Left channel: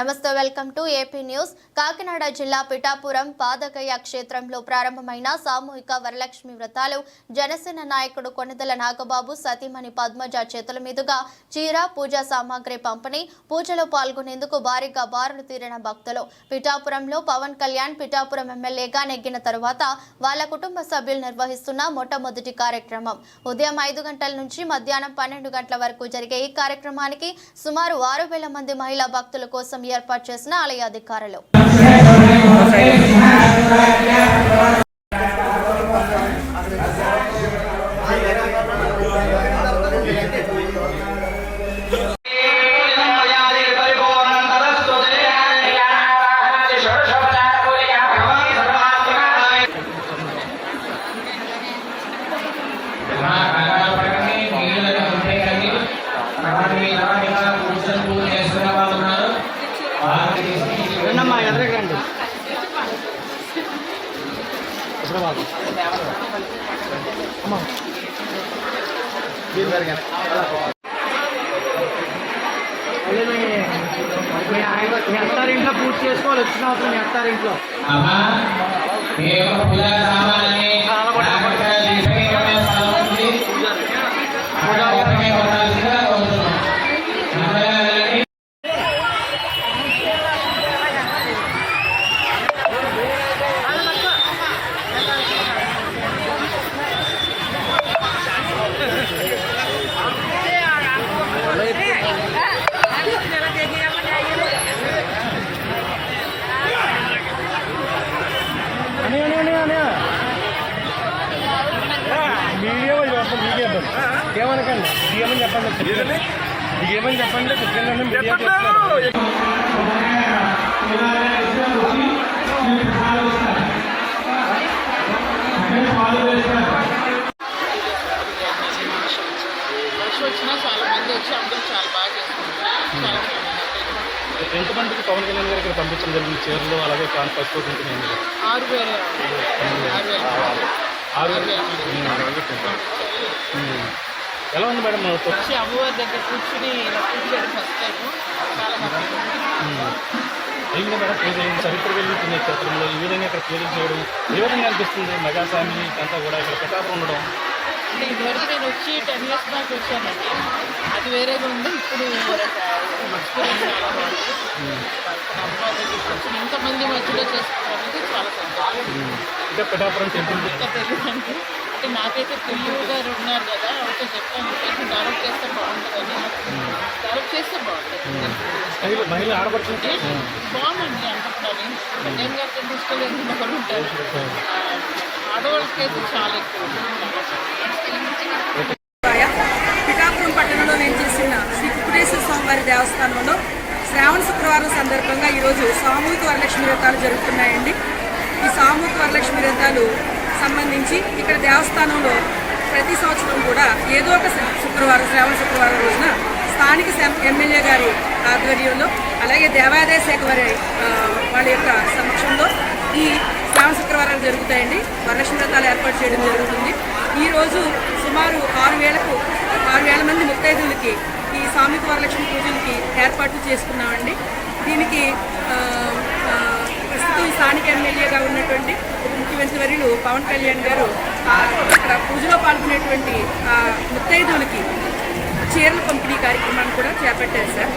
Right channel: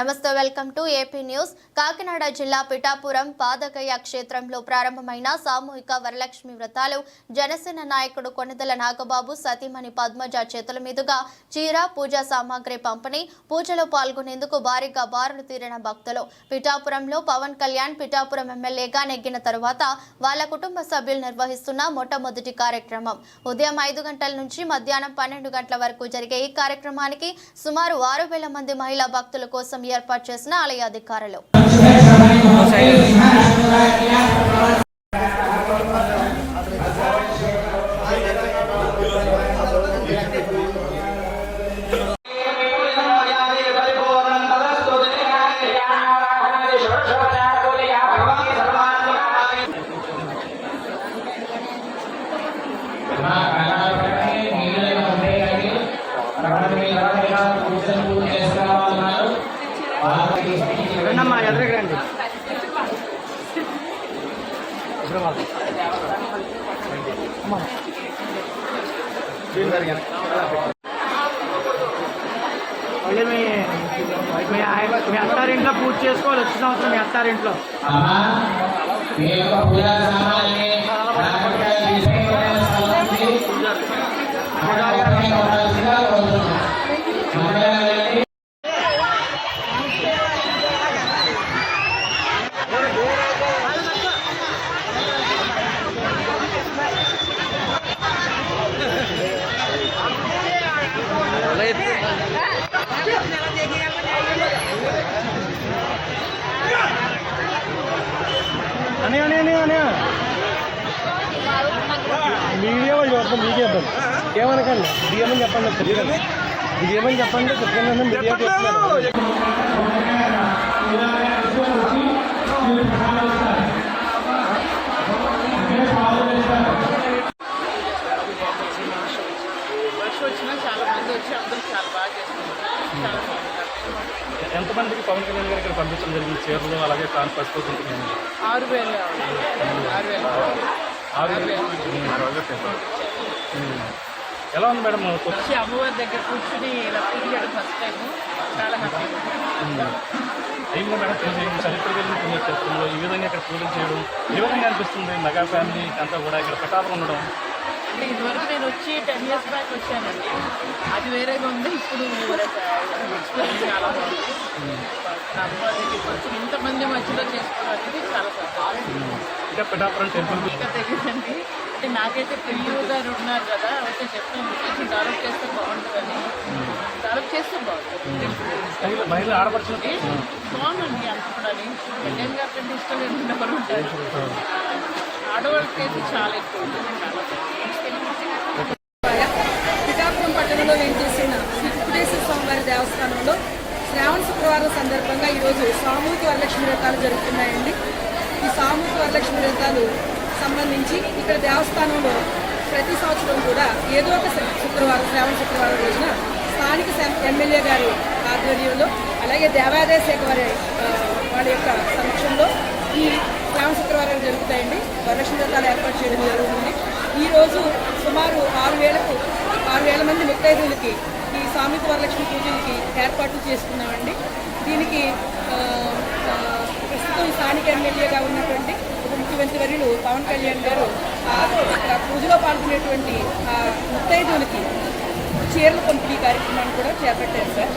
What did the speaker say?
నమస్తే, welcome to AP news. Kakinada జిల్లా పిఠాపురం పాదగయ క్షేత్రంలో ప్రారంభమైన సామూహిక వరలక్ష్మి వ్రతాలు జనసేన నాయకుడు కొణిదెల నాగబాబు సతీమణి పద్మజ చేతుల మీదుగా చీర, పూజా సామాగ్రి పంపిణీ, పూజలో పాల్గొనేందుకు భారీగా బారులు తీరిన భక్తులు. పిఠాపురంలో పవన్ కళ్యాణ్ పిఠాపురం ఎమ్మెల్యేగా నెగ్గిన తరువాత వాళ్ళ కుటుంబ సభ్యులు నిర్వహిస్తున్న మొట్టమొదటి కార్యక్రమం. ఉదయం 5 గంటల నుంచి మధ్యాహ్నం 12 గంటల వరకు జరిగే ఈ కార్యక్రమానికి సుమారు 6,000 మంది మహిళా భక్తుల కోసం ఏర్పాటు చేసిన ఆలయ అధికారులు. ఇంట్లో పూజ చేసుకోవాలి. వచ్చిన అవసరం ఇంట్లో ఏమని చెప్పండి వచ్చినా చాలా మంది వచ్చి అందరూ చాలా బాగా చేసుకుంటారు. చాలా ఎంతమందికి పవన్ కళ్యాణ్ గారు ఇక్కడ పంపించడం జరిగింది? చీరలు అలాగే పసుపు 6,000 ఎలా ఉంది మేడం? వచ్చి అమ్మవారి దగ్గర కూర్చుని ఇలా పూజ చేయడం ఫస్ట్ టైం. చాలా హ్యాపీగా ఏంటి మేడం పూజ చరిత్ర వెళ్ళి పుణ్యక్షేత్రంలో ఈ విధంగా ఇక్కడ పూజలు చేయడం ఏ విధంగా అనిపిస్తుంది? మెగా ఫ్యామిలీ అంతా కూడా ఇక్కడ పిఠాపురం ఉండడం అంటే ఇదివరకు నేను వచ్చి 10 years బ్యాక్ వచ్చానండి. అది వేరేగా ఉంది. ఇప్పుడు ఎక్స్పీరియన్స్ చాలా బాగుంది. అమ్మవారి దగ్గర కూర్చొని ఇంతమంది మధ్యలో చేసుకోవడం అనేది చాలా సంతోషం. ఇంకా పిఠాపురం టెంపుల్ ఇంకా తెలియదండి. అంటే నాకైతే పిల్లలు గారు ఉన్నారు కదా, ఒకటే చెప్పాను కొంచెం డెవలప్ చేస్తే బాగుంటుందని. డెవలప్ చేస్తే బాగుంటుంది. మహిళ ఆడపడుతుంది బాగుందండి. అంత కూడా కళ్యాణ్ గారి కంటే ఇష్టం లేకుండా కూడా ఉంటారు. ఆడవాళ్ళకైతే చాలా ఎక్కువ. పిఠాపురం పట్టణంలో నేను చేసిన శ్రీ కుకుటేశ్వర స్వామివారి దేవస్థానంలో శ్రావణ శుక్రవారం సందర్భంగా ఈరోజు సామూహిక వరలక్ష్మి వ్రతాలు జరుగుతున్నాయండి. ఈ సామూహిక వరలక్ష్మి వ్రతాలు సంబంధించి ఇక్కడ దేవస్థానంలో ప్రతి సంవత్సరం కూడా ఏదో ఒక శుక్రవారం, శ్రావణ శుక్రవారం రోజున స్థానిక ఎమ్మెల్యే గారి ఆధ్వర్యంలో, అలాగే దేవాదాయ శాఖ వారి వాళ్ళ యొక్క సమక్షంలో ఈ శ్రావణ శుక్రవారాలు జరుగుతాయండి. వరలక్ష్మి వ్రతాలు ఏర్పాటు చేయడం జరుగుతుంది. ఈరోజు సుమారు 6,000 మంది ముత్తైదువులకి ఈ సామూహిక వరలక్ష్మి పూజలకి ఏర్పాట్లు చేసుకున్నామండి. దీనికి ప్రస్తుతం ఈ స్థానిక ఎమ్మెల్యేగా ఉన్నటువంటి ఉప ముఖ్యమంత్రి వర్యులు పవన్ కళ్యాణ్ గారు అక్కడ పూజలో పాల్గొనేటువంటి ముత్తైదువులకి చీరల పంపిణీ కార్యక్రమాన్ని కూడా చేపట్టారు సార్.